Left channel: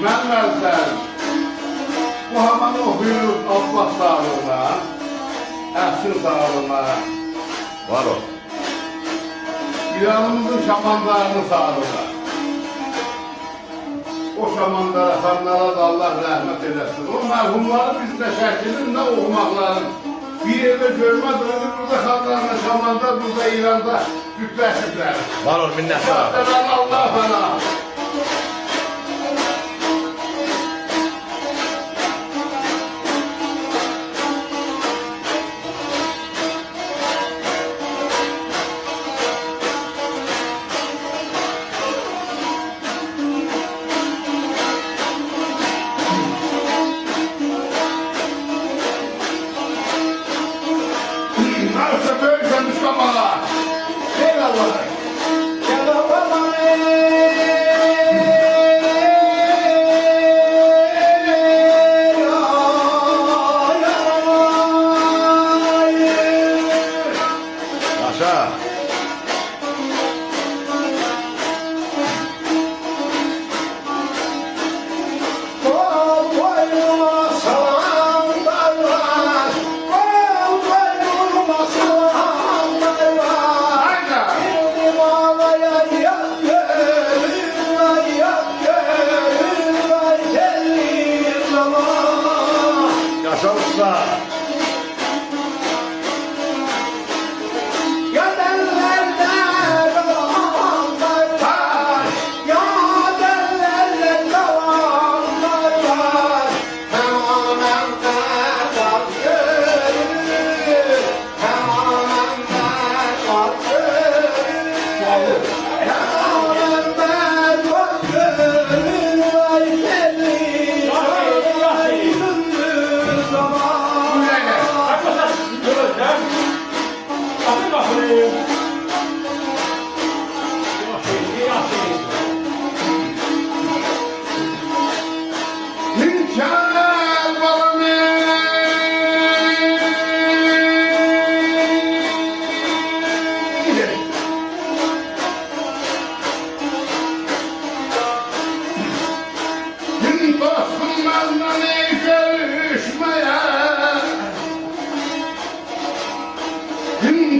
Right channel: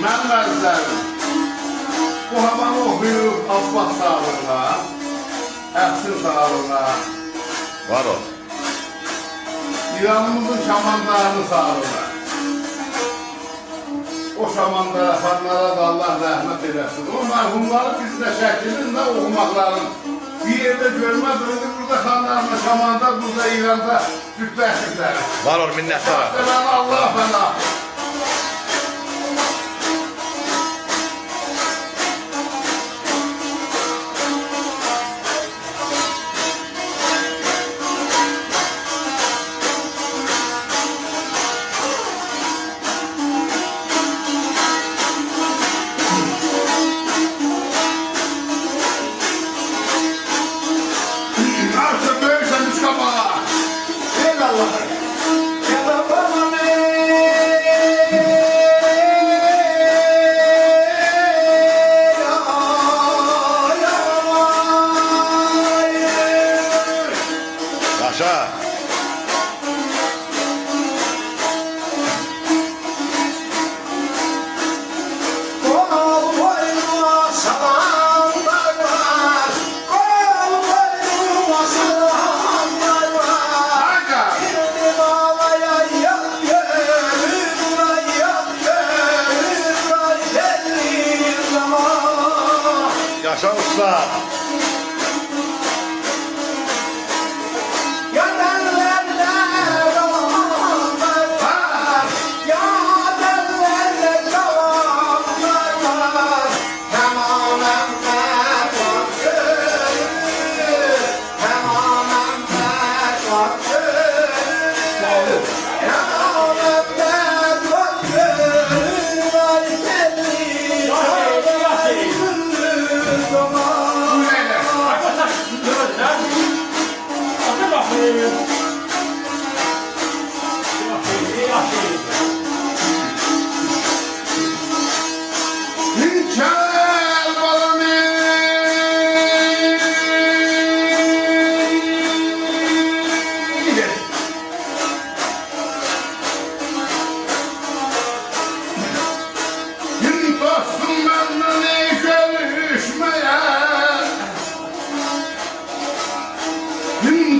Mənlərdən bu havanı oxuyur Abbas sağlığına, Əhsin sağlığına, Var ol. İranımızın şamanlarını sağlığına. O şamanlara, xanlara da Allah rəhmət edəsin. O mərhumları biz də şəklində oxumaqların bir yerdə görmədik. Burada xanlarla, şamanda, burada İranda cütləşiklər. Var ol minnəttar. Allah fəna. Yaşa. Yaşa usta.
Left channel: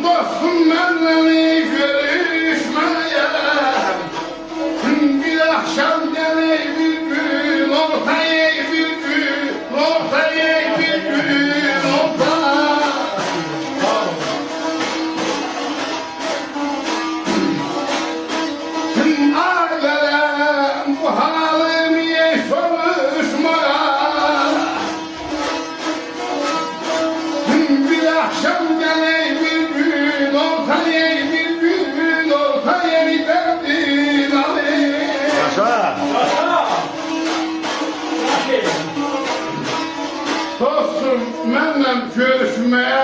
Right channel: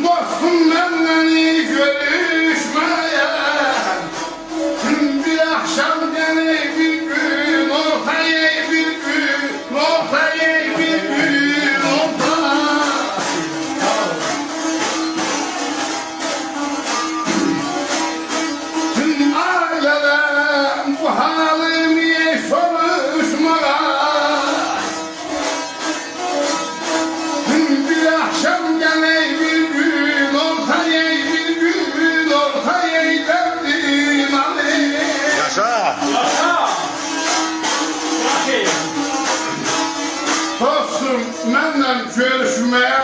Dostum benimle görüşmeye, bir akşam gene bir gün, ortaya bir gün, ortaya bir gün, ortaya. Ailelem bu halimi soruşmaya, bir akşam gene bir gün, ortaya bir gün, ortaya derdim Ali. Yaşa. Dostum, benimle görüşmeye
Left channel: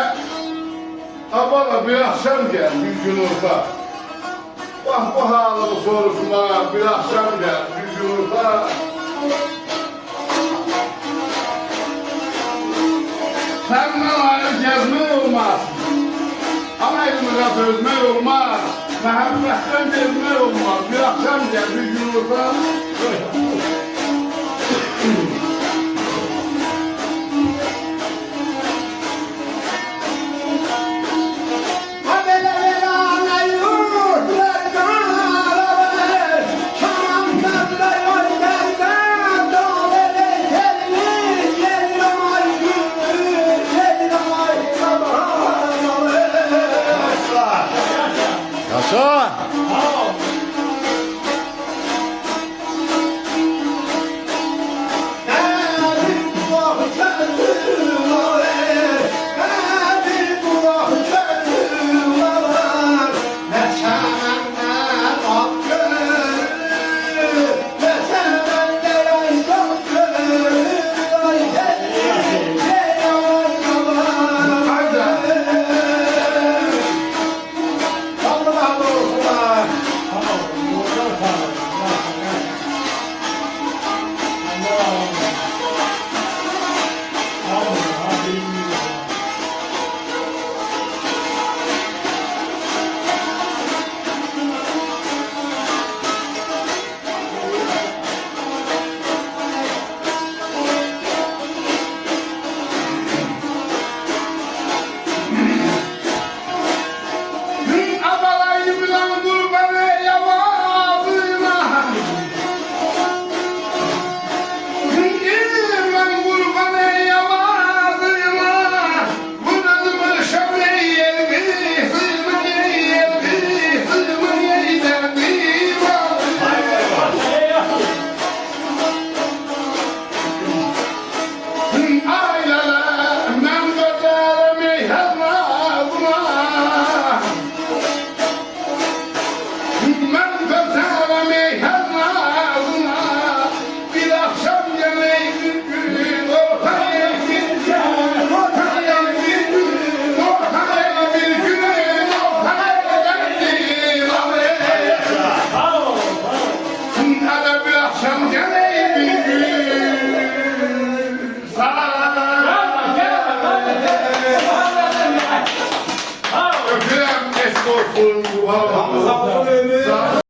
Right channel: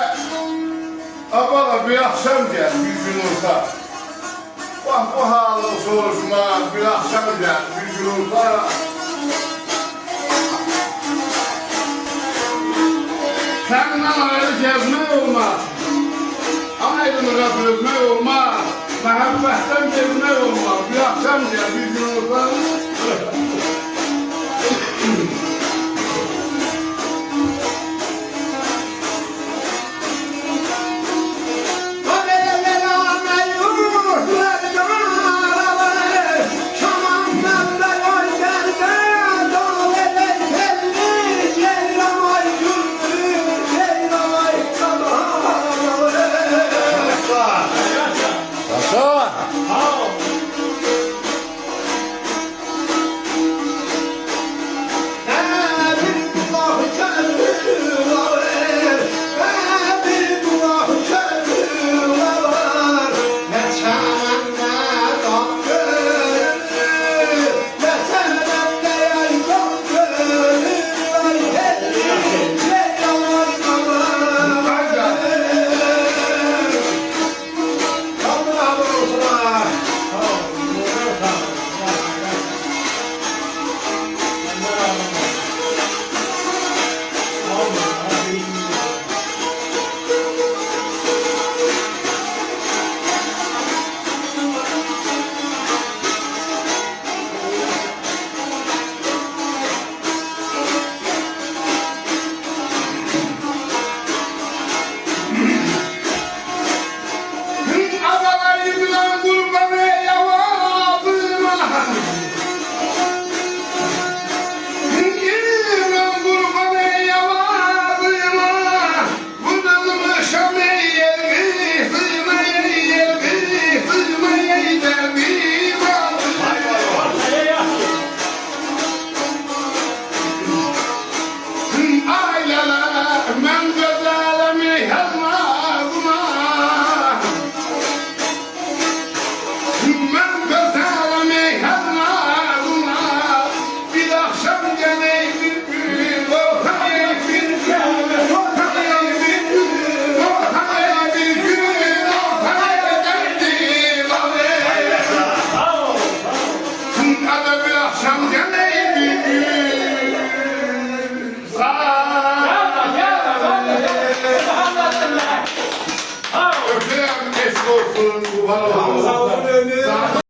abala bir akşam gel, bir gün olsa. Bak bu halını soruşmaya bir akşam gel, bir gün olsa. Senden ayrı gezmek olmaz. Ana evimizə dözmək olmaz. Məhəbbətdən gezmək olmaz. Bir akşam gel, bir gün olsa. Yaşa. akşam geleydi Öpürəm eşq olsun, yuvar olsun.